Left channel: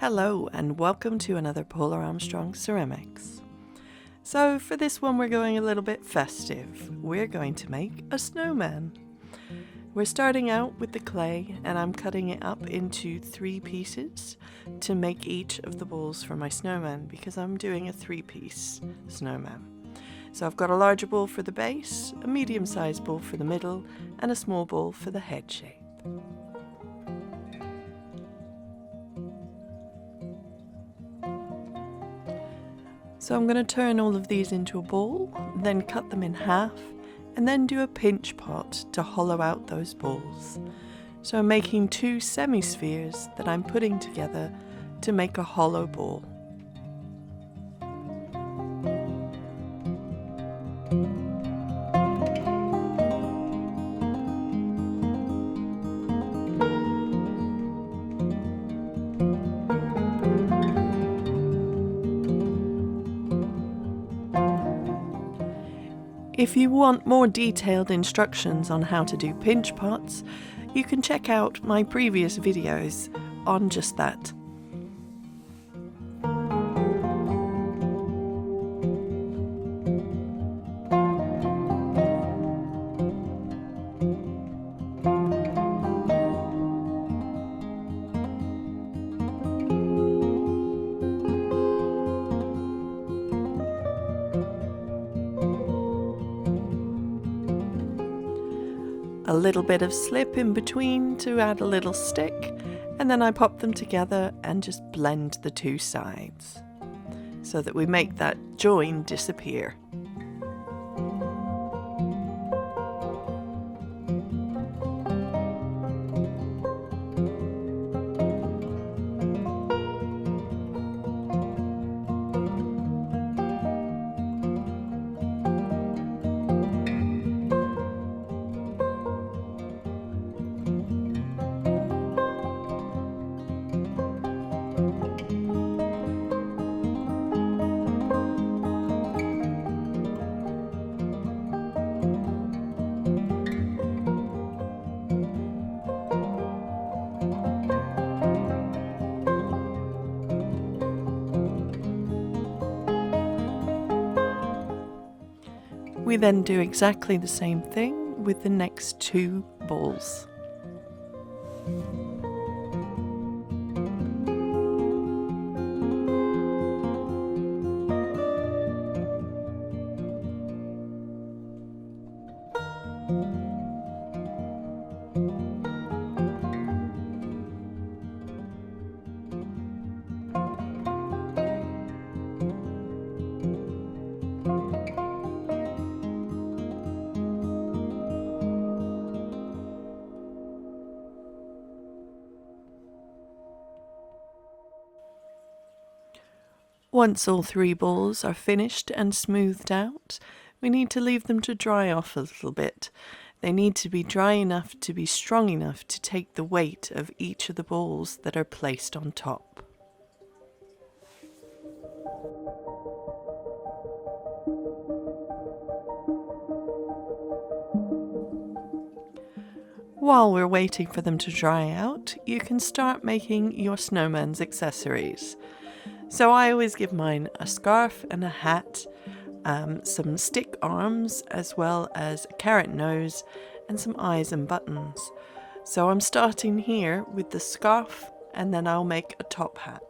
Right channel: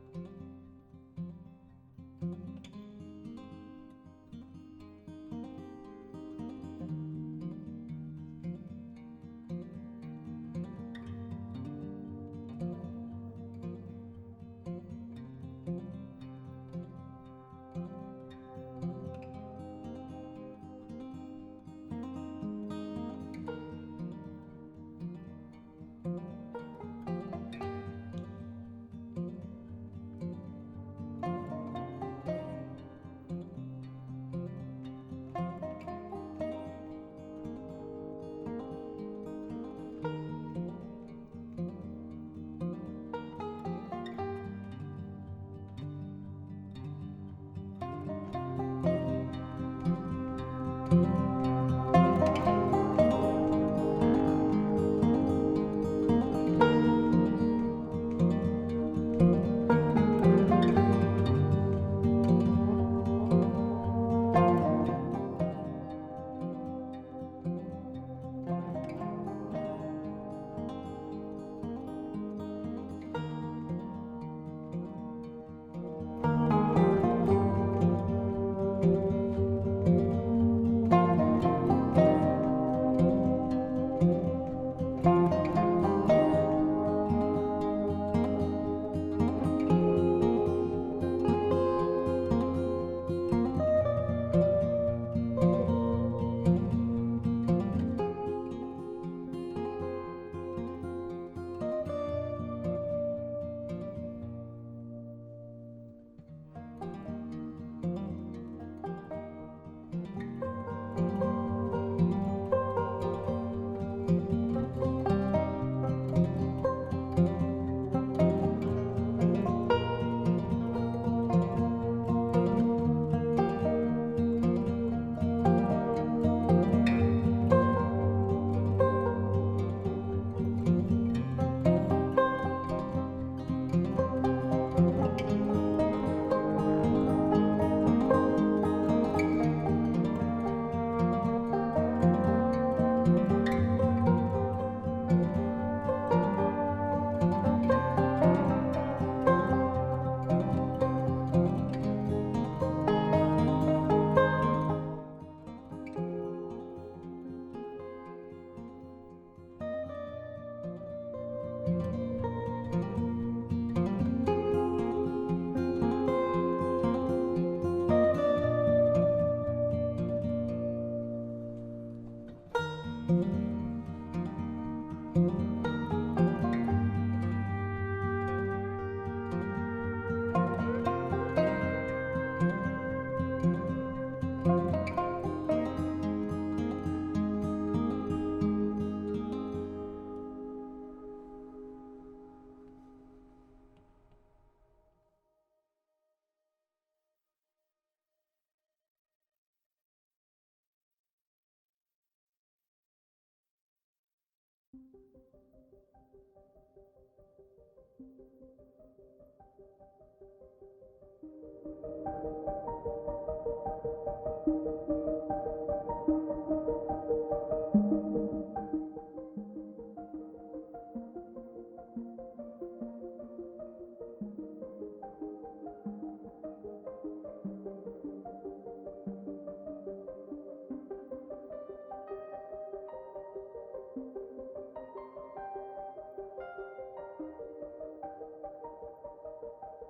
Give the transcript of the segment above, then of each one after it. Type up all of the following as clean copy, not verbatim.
Hello and welcome to another Paula Armstrong Ceramics. So for this one we're going a little bit festive. We're going to make a snowman. We're starting out with the clay and I'm cutting it up into 3 pieces to make each of the balls for my snowman because I'm doing a 3-piece snowman. So I've got a larger ball for the base, a medium-sized ball for the middle and a small ball for the head shape. So I'm going to turn all of these into a ball, then cut them in half, and then do a pinch pot to hollow out those balls. So I'm making 2 semi-spheres that I'm putting together to make a hollow ball. If you want more detailed instructions on how to do pinch pots, you can check out my previous videos on just that. A little bit of slip in between to add a little stick, and then I pop them together and just blend the 2 sides so that we make that join disappear. We then do exactly the same thing with the next 2 balls. Once all 3 balls are finished and smoothed out, we need to leave them to dry off a little bit. They need to be dry enough to be strong enough to take the weight of each of the balls that are placed on top. While we're waiting for them to dry out, you can start making your snowman's accessories. So I always give mine a scarf and a hat, some stick arms, as well as a carrot nose and some eyes and buttons. So I'm starting here with the scarf and then I'll make a top hat.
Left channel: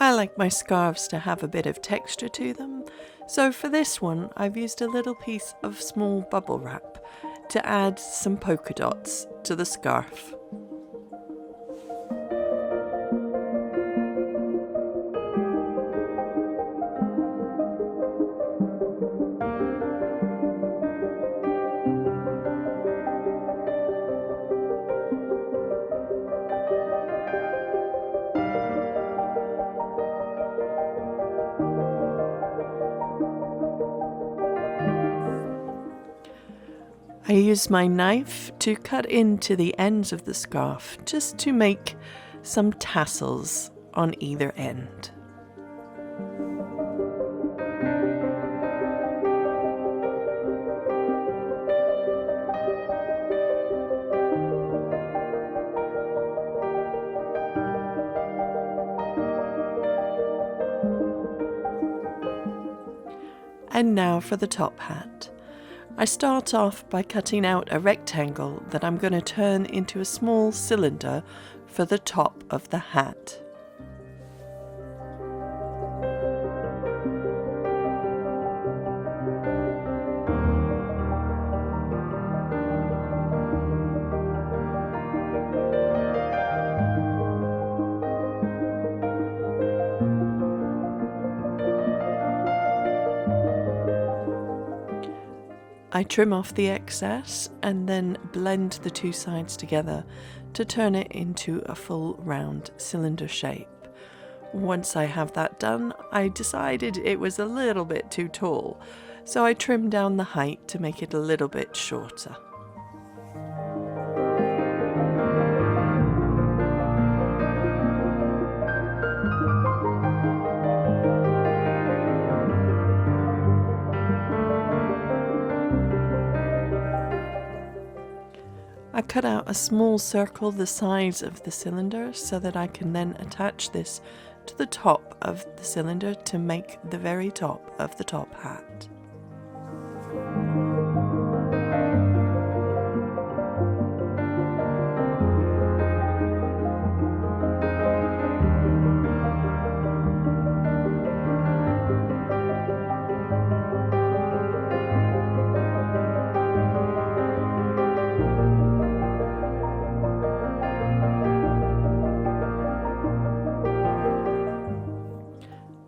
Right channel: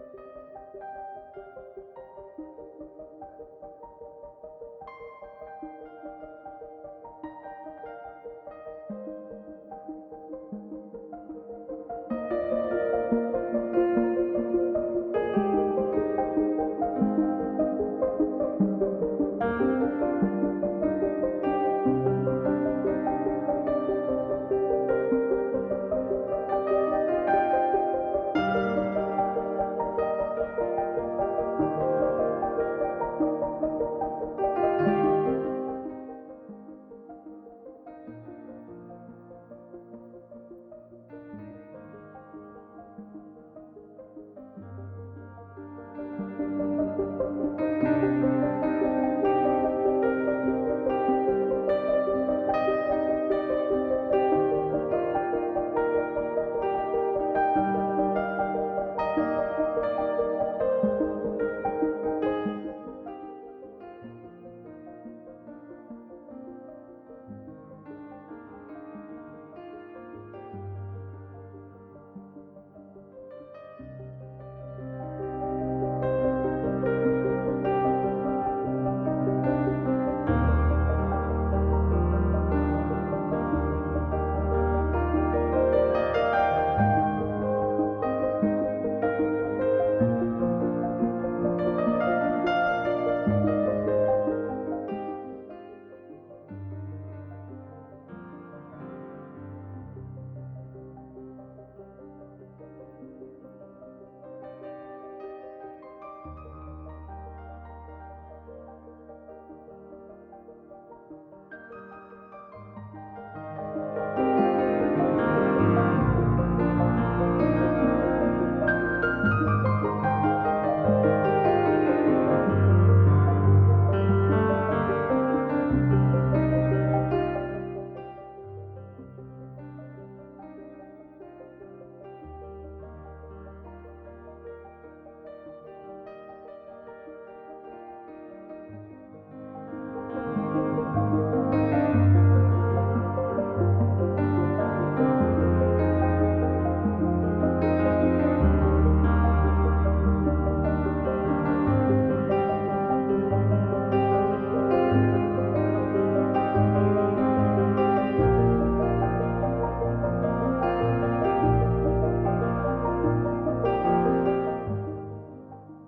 I like my scarves to have a bit of texture to them, so for this one I've used a little piece of small bubble wrap to add some polka dots to the scarf. I used my knife to cut into the ends of the scarf just to make some tassels on either end. And now for the top hat. I start off by cutting out a rectangle that I'm going to turn into a small cylinder for the top of the hat. I trim off the excess and then blend the two sides together to turn it into a full round cylinder shape. Once I have that done, I decided it was a little bit too tall, so I trimmed down the height to make it a little bit shorter. I cut out a small circle the size of the cylinder so that I can then attach this to the top of the cylinder to make the very top of the top hat.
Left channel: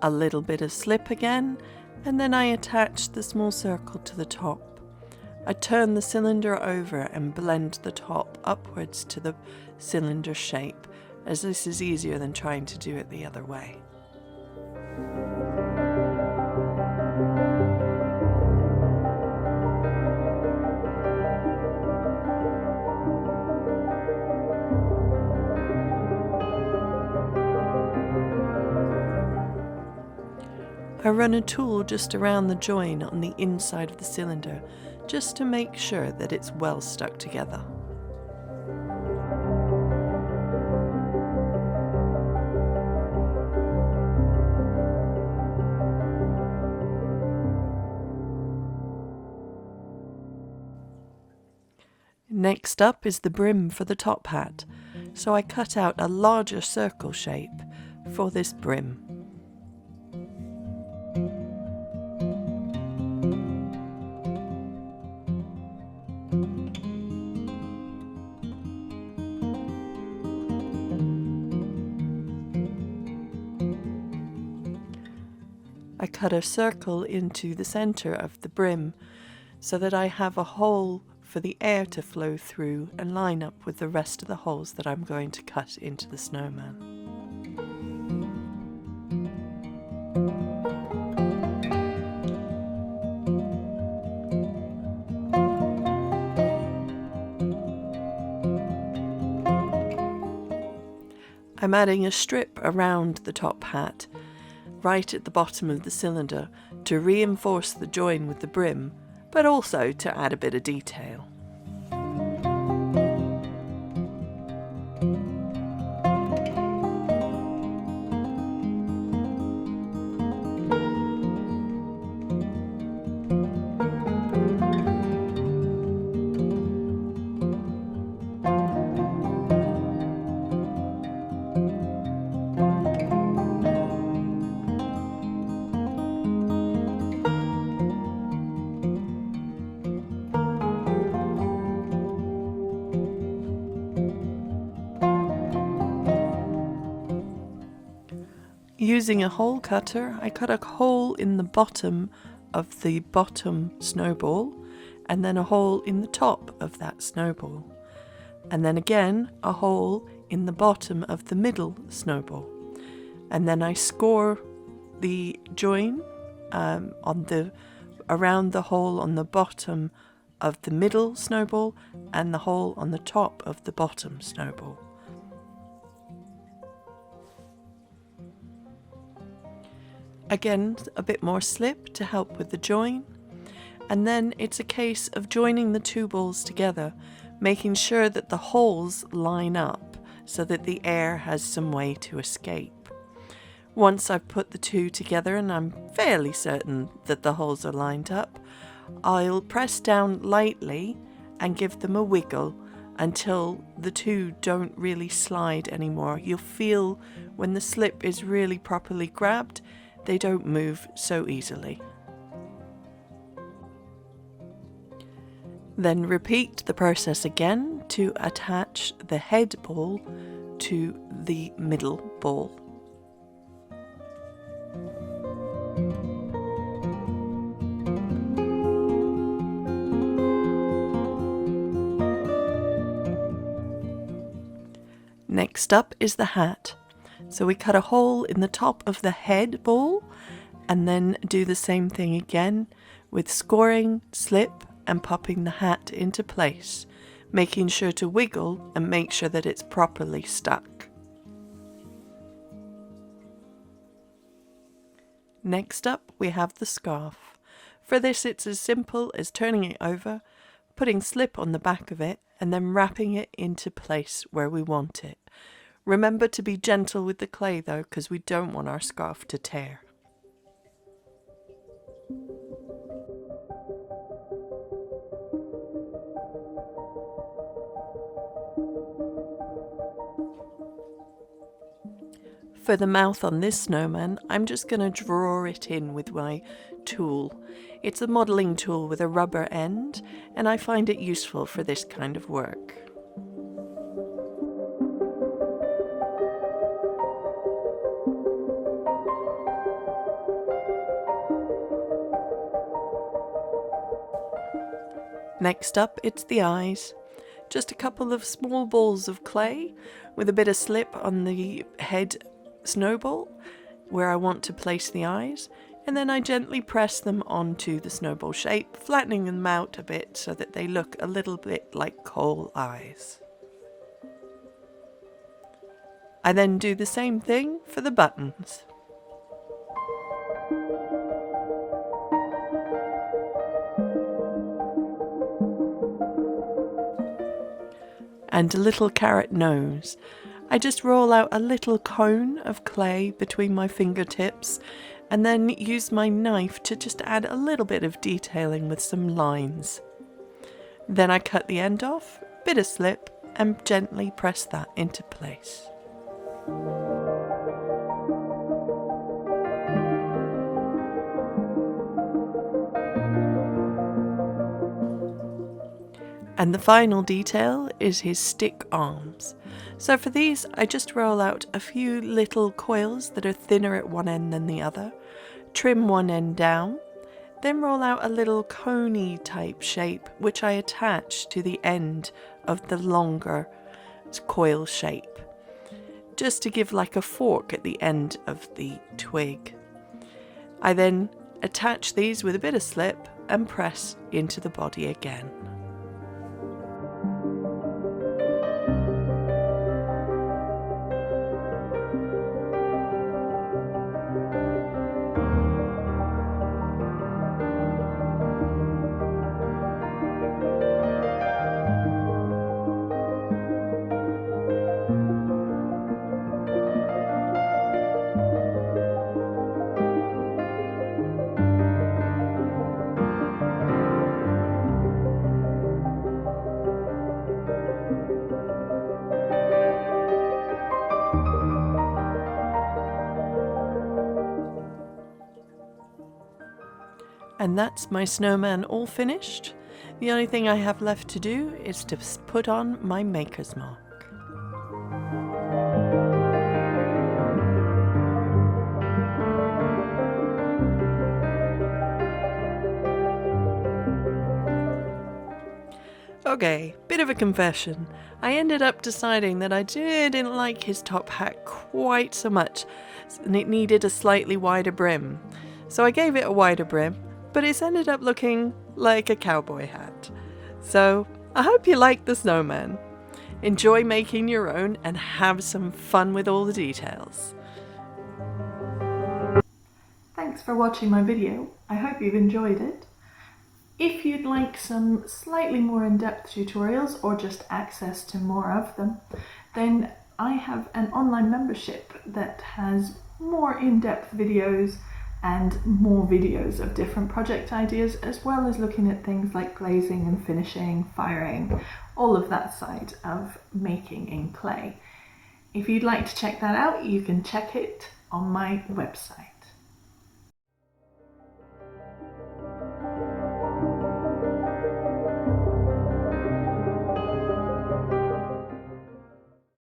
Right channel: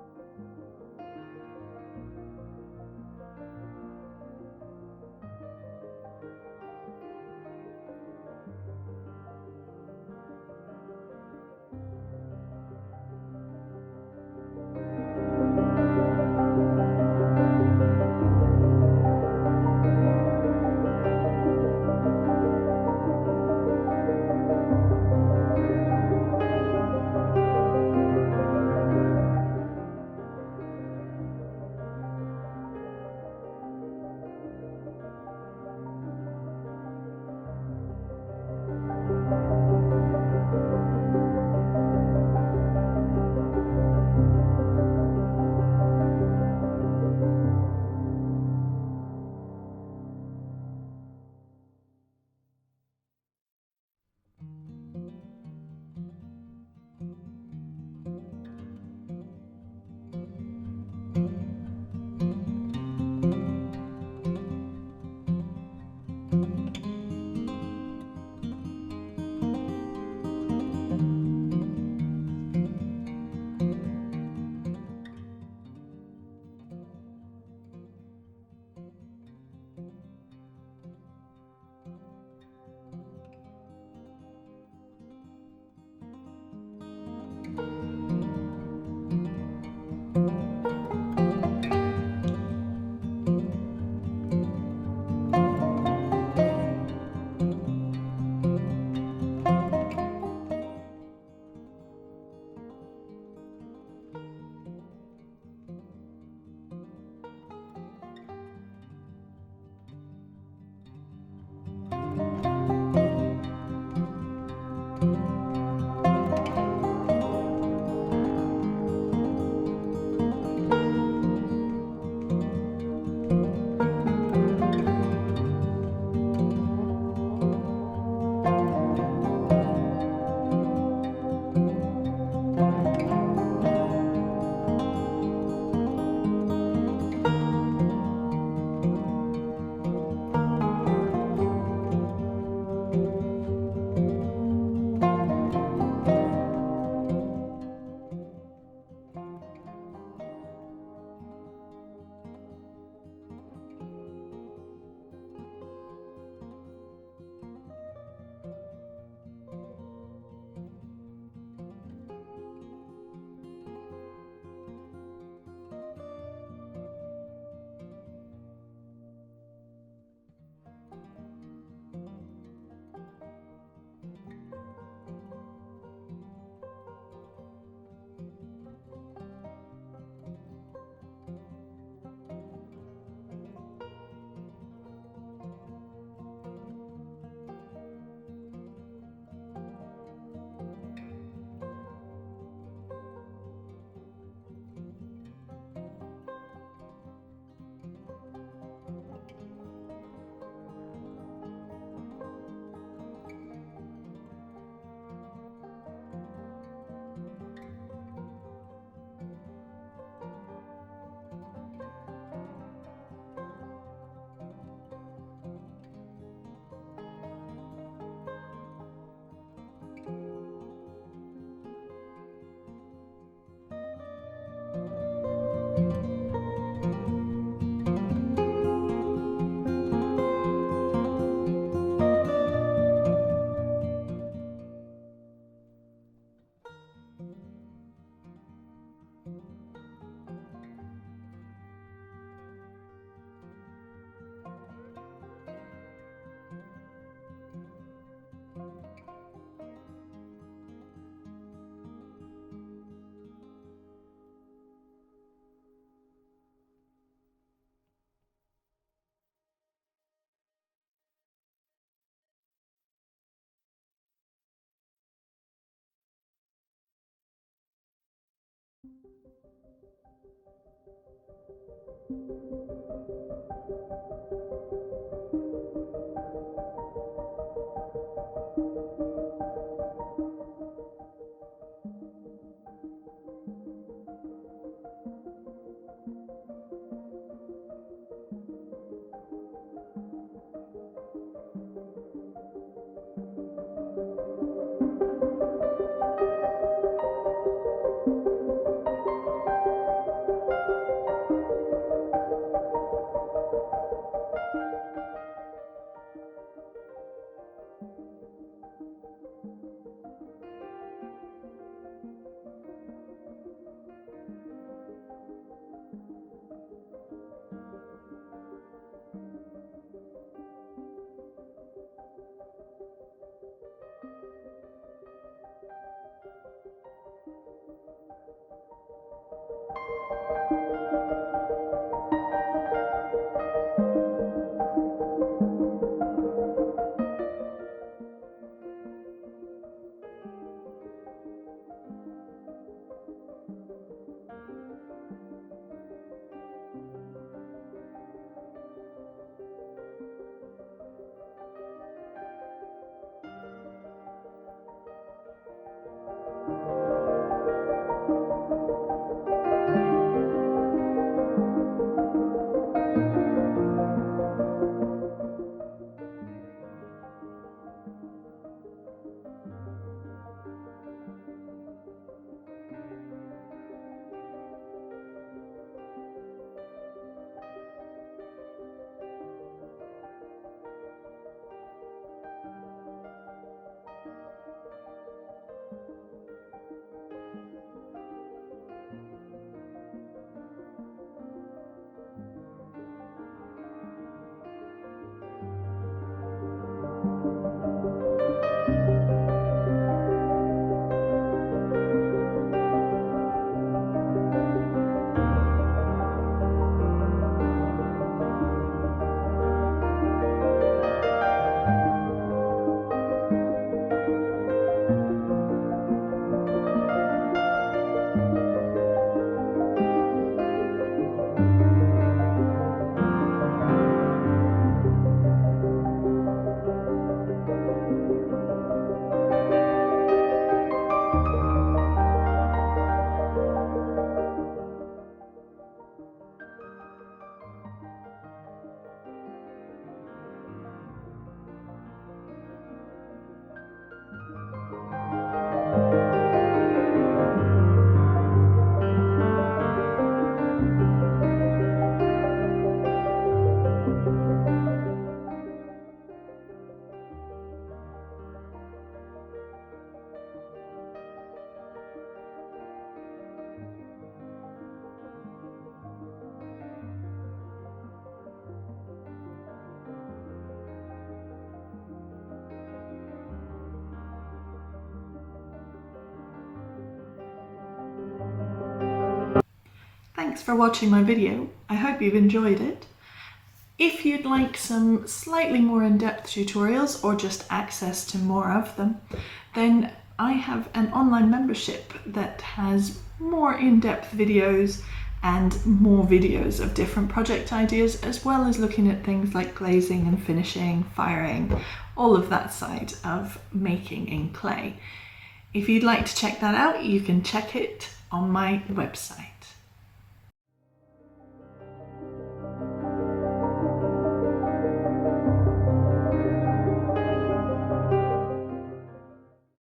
A little bit of slip again, and then I attach the small circle to the top. I turn the cylinder over and blend the top upwards to the cylinder shape, as this is easier than trying to do it the other way. I run a tool just around the join on the inside of the cylinder, just to make sure that it's well stuck together. Next up is the brim for the top hat, so I cut out a larger circle shape for this brim. I cut a circle into the center of the brim so that I have a hole for the air to flow through and line up with the rest of the holes that I'm going to cut into the snowman. I'm adding a strip around the top hat, right at the bottom of the cylinder, to reinforce the join with the brim, but also to add a bit of detail. Using a hole cutter, I cut a hole in the bottom of the bottom snowball, and then a hole in the top of that snowball, and then again a hole in the bottom of the middle snowball, and then I score the join around the hole on the bottom of the middle snowball and the hole on the top of the bottom snowball. Again, a bit more slip to help with the join, and then it's a case of joining the two balls together, making sure that the holes line up so that the air has some way to escape. Once I've put the two together and I'm fairly certain that the holes are lined up, I'll press down lightly and give them a wiggle until the two don't really slide anymore. You'll feel when the slip is really properly grabbed, they don't move so easily. Then repeat the process again to attach the head ball to the middle ball. Next up is the hat. So we cut a hole in the top of the head ball and then do the same thing again with scoring, slip and popping the hat into place, making sure to wiggle and make sure that it's properly stuck. Next up we have the scarf. For this it's as simple as turning it over, putting slip on the back of it and then wrapping it into place where we want it. Remember to be gentle with the clay though, because we don't want our scarf to tear. For the mouth on this snowman, I'm just going to draw it in with my tool. It's a modelling tool with a rubber end, and I find it useful for this kind of work. Next up, it's the eyes. Just a couple of small balls of clay with a bit of slip on the head snowball where I want to place the eyes, and then I gently press them onto the snowball shape, flattening them out a bit so that they look a little bit like coal eyes. I then do the same thing for the buttons. And a little carrot nose. I just roll out a little cone of clay between my fingertips and then use my knife to just add a little bit of detailing with some lines. Then I cut the end off, bit of slip, and gently press that into place. And the final detail is his stick arms. So for these, I just roll out a few little coils that are thinner at one end than the other, trim one end down, then roll out a little coney type shape which I attach to the end of the longer coil shape, just to give like a fork at the end of the twig. I then attach these with a bit of slip and press into the body again. And that's my snowman all finished. The only thing I have left to do is to put on my maker's mark. Okay, bit of a confession. I ended up deciding that I didn't like his top hat quite so much, and it needed a slightly wider brim. So I gave it a wider brim, but it's ended up looking like a cowboy hat. So I hope you like the snowman. Enjoy making your own and have some fun with all the details. Thanks for watching my video. I hope you've enjoyed it. If you'd like some slightly more in-depth tutorials or just access to more of them, then I have an online membership that has more in-depth videos and more videos of different project ideas, as well as looking at things like glazing and finishing, firing, all of that side of making in clay. If you'd like to check that out, you can check it on my website.